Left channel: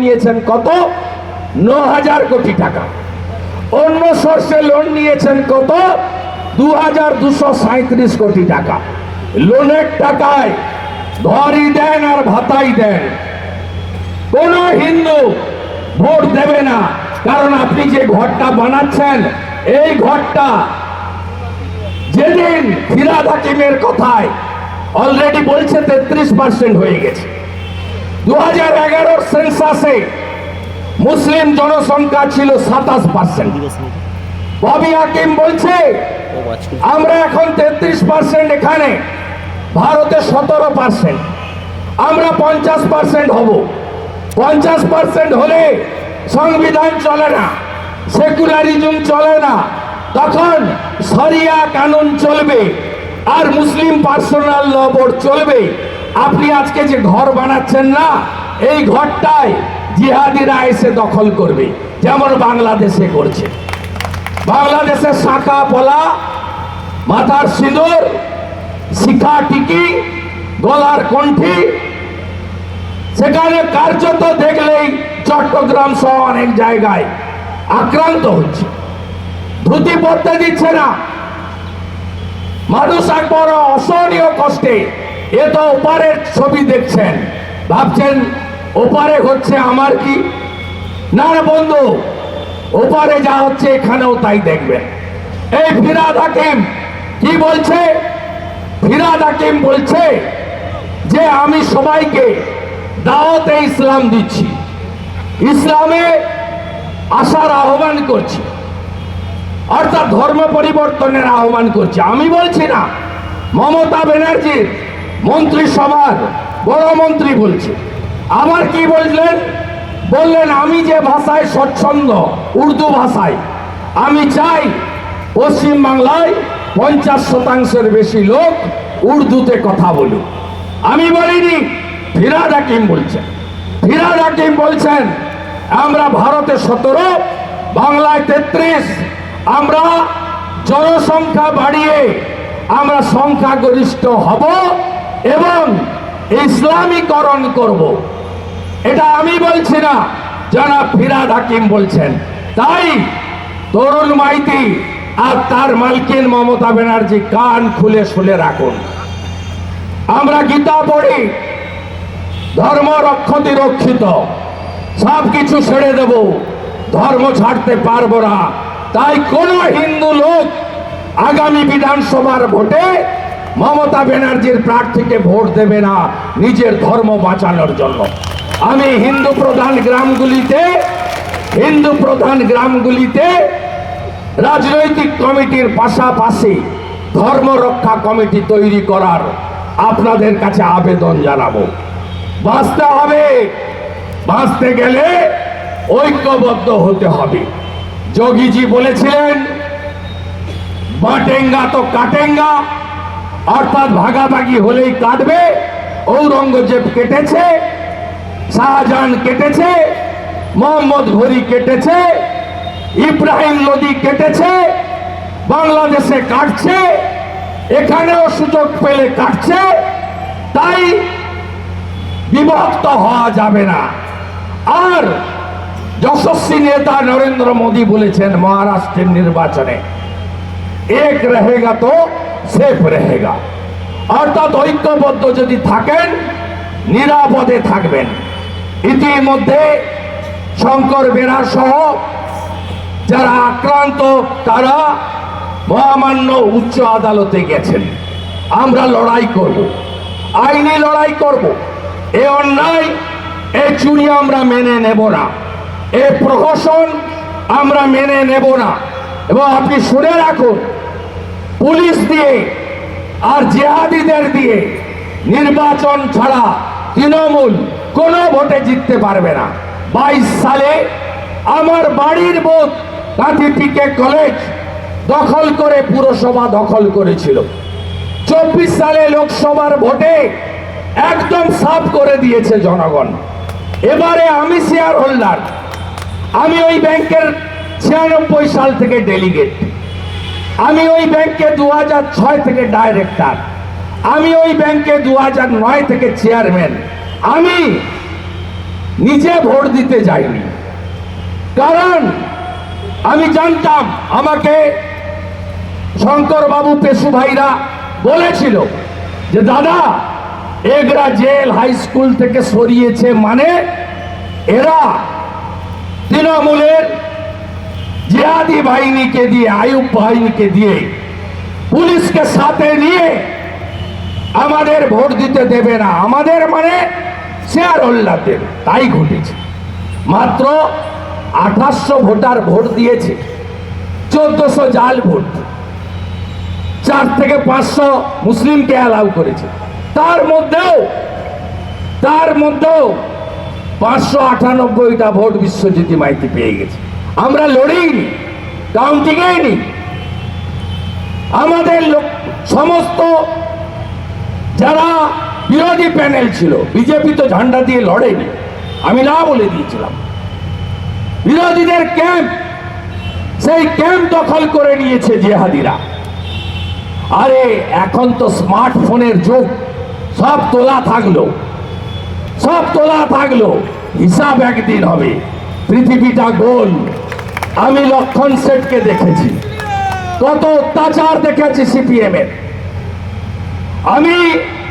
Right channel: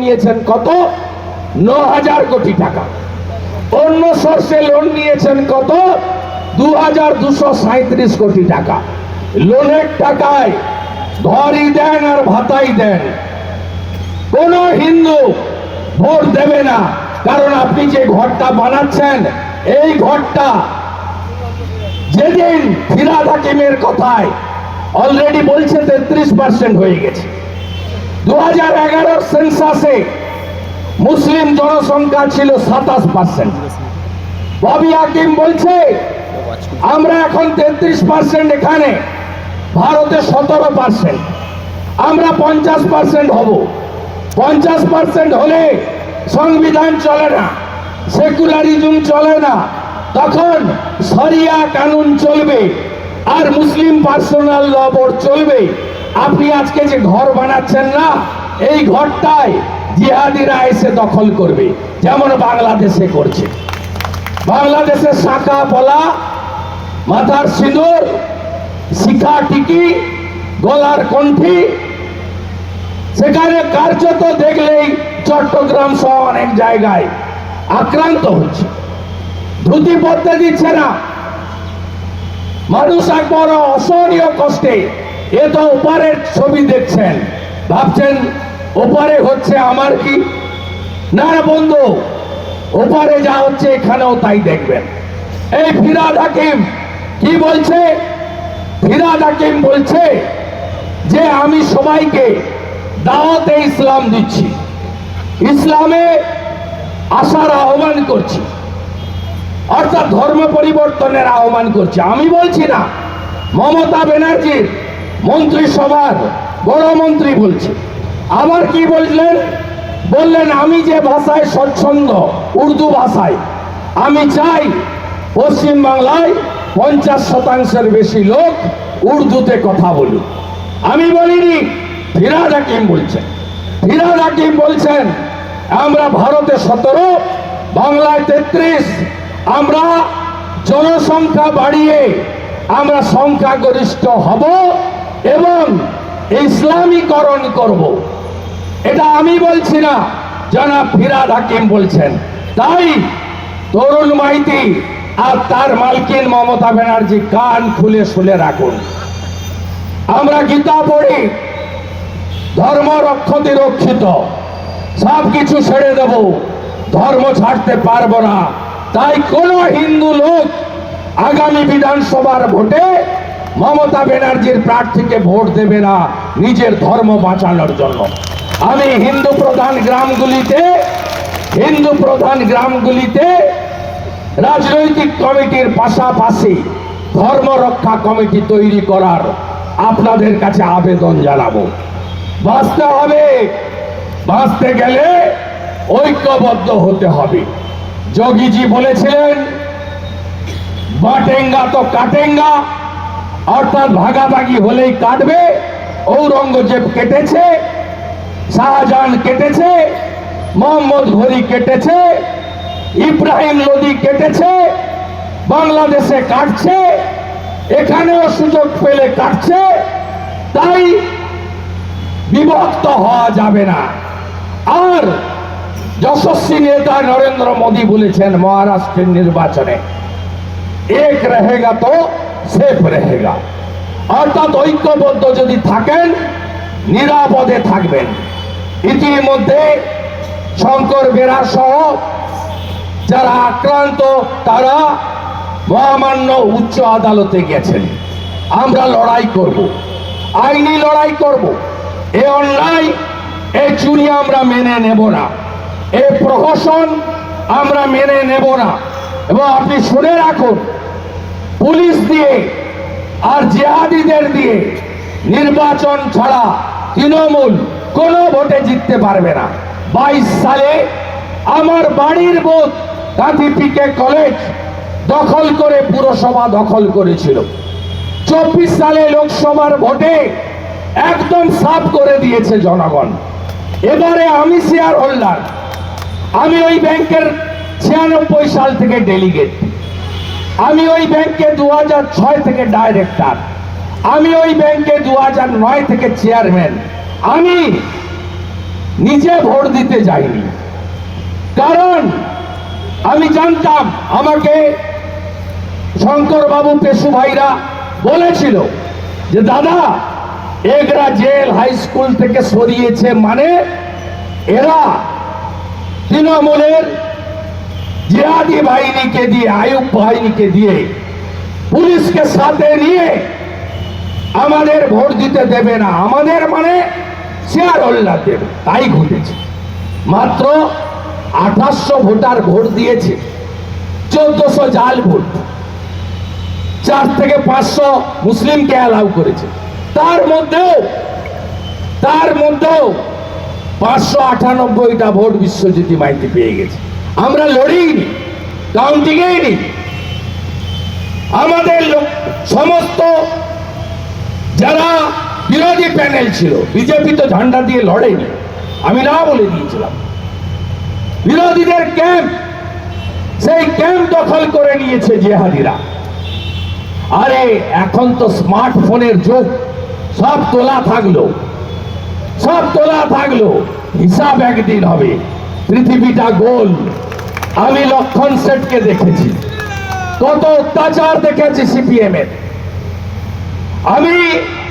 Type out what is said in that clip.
নিয়েছেন কত? 9,000 কোটি টাকা। অন্য সোর্সে লোন নিয়েছেন কত? 2,237 কোটি টাকা। লোনের টাকায় ঘরই দেন আর ভাতাই দেন। কোন হিন্দু ভোট দেবে না, কারণ আপনি যে ঘরটা বানাচ্ছেন, এই ঘরটা যেদিন ফিরহাদ হাকিমের কথায় অলরেডি বলছে 33% হয়ে গেছে। 2011 সেন্সাসে মুসলিম জনসংখ্যা ছিল 27%। ববি হাকিম বলছে আমরা এখন 33%, এখানে ভারতে 17%, আমরা 50% হব। 50% হলে সংবিধান চলে না, সেকুলারিজম চলে না, তখন শরিয়া কানুন চলবে আর মুসলিম পার্সোনাল ল বোর্ড চলবে। আপনি আজকে যে ঘর বানাচ্ছেন না, এই ঘরটাই জিহাদিরা এসে দখল করবে, যেমন বাংলাদেশে করছে। বাংলাদেশের শাখা পলা, মাথার সিঁদুর, শিখা টিকি, গলার কণ্ঠি, সেখানে কার্যত দেখলেই চট্টগ্রাম সহ অনেক জায়গায় আক্রান্ত হচ্ছে। ধুতি পড়তে দিচ্ছে না, মানুষ এক বড় অসহনীয় কষ্টে। এ তো ওপারের ছবি দেখছেন, ভাবছেন ওপারে হচ্ছে আমার কি? না না বন্ধু, ওপারে যা হচ্ছে এখানেও তাই দেখবেন। এই ফিরহাদ হাকিম কি বলছে? ফিরহাদ হাকিম বলছে যে আমি সবাইকে দাওয়াতে ইসলাম দিচ্ছি, ইসলামে আসার আহ্বান করছি, অর্থাৎ ধর্ম পরিবর্তনের আহ্বান করছি। আমি বলছি না, মমতা ব্যানার্জির মন্ত্রিসভার বড় মন্ত্রী বলছে। আমার কি বললেন? বললেন আমি যে ভাষায় স্বচ্ছন্দ, উর্দু ভাষায়, আমি চাই পশ্চিম বাংলায় 50% বেশি লোক উর্দুতে কথা বলুক। আমি বলিনি, ফিরহাদ হাকিম বলছেন। ফিরহাদ হাকিম বলছেন আমরা ভারতে 17, বাংলায় 33, আমরা জনসংখ্যা বাড়িয়ে আমরা সংখ্যাগরিষ্ঠ হব এবং ইসলামীকরণ করব। এটা আমি বলছি না, জনাব ফিরহাদ হাকিম বলছেন। তাই তরুণ মাইতি আর তার মালকিন মমতা ব্যানার্জি কান খুলে শুনে রাখুন। আমরা গীতা পড়ি, ধর্ম রক্ষতি রক্ষিত, সব কিছু ছেড়ে দেব, ধর্ম ছাড়তে পারবো না। তাই কোন হিন্দু লোক আগামী বিধানসভার ভোটে মমতা ব্যানার্জির প্রার্থীকে ভোট দেবে না নিজের ধর্ম বাঁচানোর জন্য। আমি হিন্দু প্রধান গ্রামগুলিতে রাজনৈতিক কমিটির পাশাপাশি ধর্ম রক্ষা কমিটি তৈরি করার আপনাদের কাছে আবেদন জানাবো। বাঁচতে হবে, বাঁচতে গেলে ঐক্যবদ্ধ হতে হবে। যোগীজি বলেছিলেন বাটেঙ্গা তো কাটেঙ্গা, অর্থাৎ ভাগাভাগি হলেই কাটবে। ঔরঙ্গজেব কেটেছে, শাহজাহান কেটেছে, মোহাম্মদ ঘুরি কেটেছে, ইব্রাহিম লোদি কেটেছে, বাংলাদেশে কাটছে, এখানেও সুযোগ পেলে কাটছে। তাই বিভক্ত হওয়া যাবে না। আর যশস্বী নেতা নরেন্দ্র মোদী বলেছেন মহারাষ্ট্রের নির্বাচনে, এক রহেগা তো সেফ রহেগা, অর্থাৎ ঐক্যবদ্ধ যদি থাকেন নিরাপদে থাকবেন। ইতিমধ্যে শঙ্কর বেরা সহ যারা আক্রান্ত তারা মহামান্য উচ্চ আদালতে গেছেন। আমরা লড়াই করব, আইনি লড়াই করব। এ অন্যায়, এ চুরি আমরা মেনে নেব না, এ প্রহসন আমরা মেনে নেব না। এবং আপনি শুনে রাখুন, পুলিশ দিয়ে আর জিহাদিদের দিয়ে নির্বাচন ছাড়া তৃণমূল কোনো ভোটে জিততে পারবে না। 22 সালে আমার বাড়ির বুথ কাঁথি পিকে কলেজ দখল করে পুরসভা দখল করেছিল। 24 সালে লোকসভার ভোটে একদম সাফ করে দিয়েছে জনগণ। এবারে আমি শেয়ার হোল্ডার, আমি ওই ব্যাংকের 96 সাল থেকে ডেলিগেট, আমি ওই ব্যাংকে 2006 থেকে ডাইরেক্টর, আমি ওই ব্যাংকে 2009 থেকে চেয়ারম্যান। আমি নিজে ভোট দিতে যাইনি, কারণ আমি জানতাম, আমাকে শঙ্করবাবু পেশু ভাইরা বলেছিল যে দাদা এগরা জেল হাই স্কুল থেকে সরিয়েছে মানে এরা তৃণমূলের জিহাদি বাহিনীকে দিয়ে, আইয়ুব বাহিনীকে দিয়ে, পুলিশকে সাথে নিয়ে আমাদের ভোট দিতে দেবে না, আমাদের মানে শেয়ার হোল্ডার দেবে। তাই ঘটেছে। মাত্র 2800 ভোটার ভোট দিয়েছে, 1400 জাল ভোট, 4 থেকে 500 মুসলিমকে অ্যালাউ করেছে। তার মধ্যেও 598টা ভোট বিশ্বজ্যোতি মাইতি পেয়ে গেছে। আমরা লড়িনি, কাউন্টিংই নি। আমাদের সমস্ত যারা বিরোধী প্যানেল ছিল, বিজেপি তো ঝান্ডা দিয়ে লড়েনি, আমি না বলে দিয়েছিলাম। বিরোধীদের ক্যাম্প, সেই ক্যাম্প দখল করে নিয়েছে জিহাদিরা। আরে এখন তো স্মার্টফোনের যুগ, সব তোলা থাকলো, হিসাব একদিন হবে। পৃথিবীটা গোল। আমি লক্ষণ সেটকে দেখেছি, কত অত্যাচার দেখেছি সিপিএম এর। আমি